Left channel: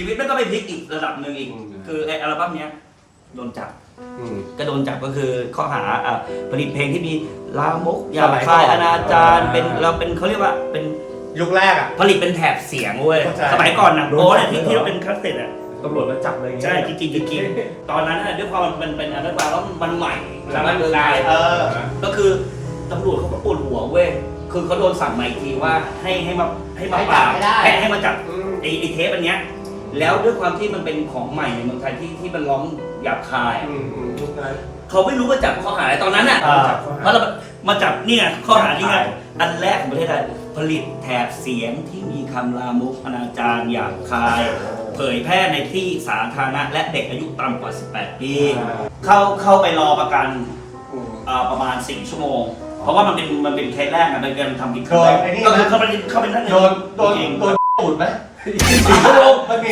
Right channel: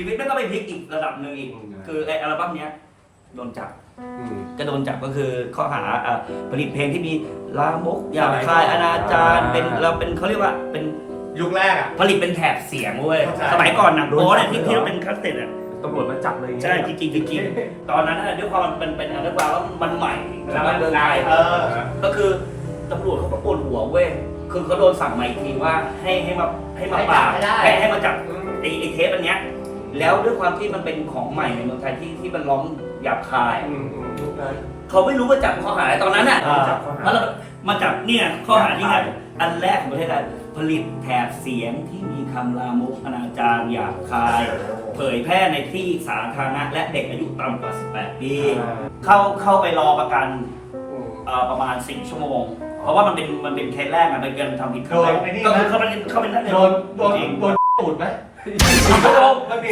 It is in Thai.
ชีวิตมันก็ไปพลิกอีกระดับหนึ่งอีกอืมคือไออัลบั้มเนี้ยโดนจับ อืม ก็โดนจับก็คือข้อหาอะผลิตเพลงที่มีลามกหยาบคายอนาจารเป็นเราเป็นเขาเรียกว่าเป็นยุคแรกอะ ผลิตเป็นแถบเสียงเว้ยเข้าใจ สมัยก่อนหนังโป๊เนี่ยที่ที่เราเป็นคัสเซ็ตอะตำรวจมาจับเลยอย่างเงี้ยใช่จริงๆจริงๆตอนนั้นน่ะด้วยความมันเป็นอันดับแล้วมันใหม่สำหรับเมืองไทยเออ ก็คือตำรวจเขาก็ปวดหัวเว้ย คือเขาโดนสั่งมาอีกทีว่าให้ให้มาให้มาปราบให้จับให้ได้ ให้ให้มาจับอืมไอ้ไอ้เทปอันเนี้ย แล้วด้วยความที่มันเป็นของใหม่ในเมืองไทยที่ที่มันร้องหยาบคายอะอืมอืมยุคนั้น เขาไม่รู้ว่าจับข้อหาอะไรตอนนั้นน่ะอ่า จับข้อหา เพราะเรามาจับเนี่ยข้อหาที่ไงอันแรกของประเทศไทยผลิตแถบเสียงที่มีคำลามกอนาจารหยาบคาย เผยแพร่ในที่สาธารณะและเด็กอายุต่ำกว่า 18 ปี เข้าเข้าไปรอประกันอืม เอ่อประมาณ 4 ชั่วโมง เพราะว่ามันเป็นมันเป็นเคสแรกอะมันเป็นทำผิดครั้งแรกโดนไอ้นี่ ก็คือเข้าไปเข้าไปนั่งในโดนโดนจริงโดนตูดไหมสี่ชั่วโมงมันมี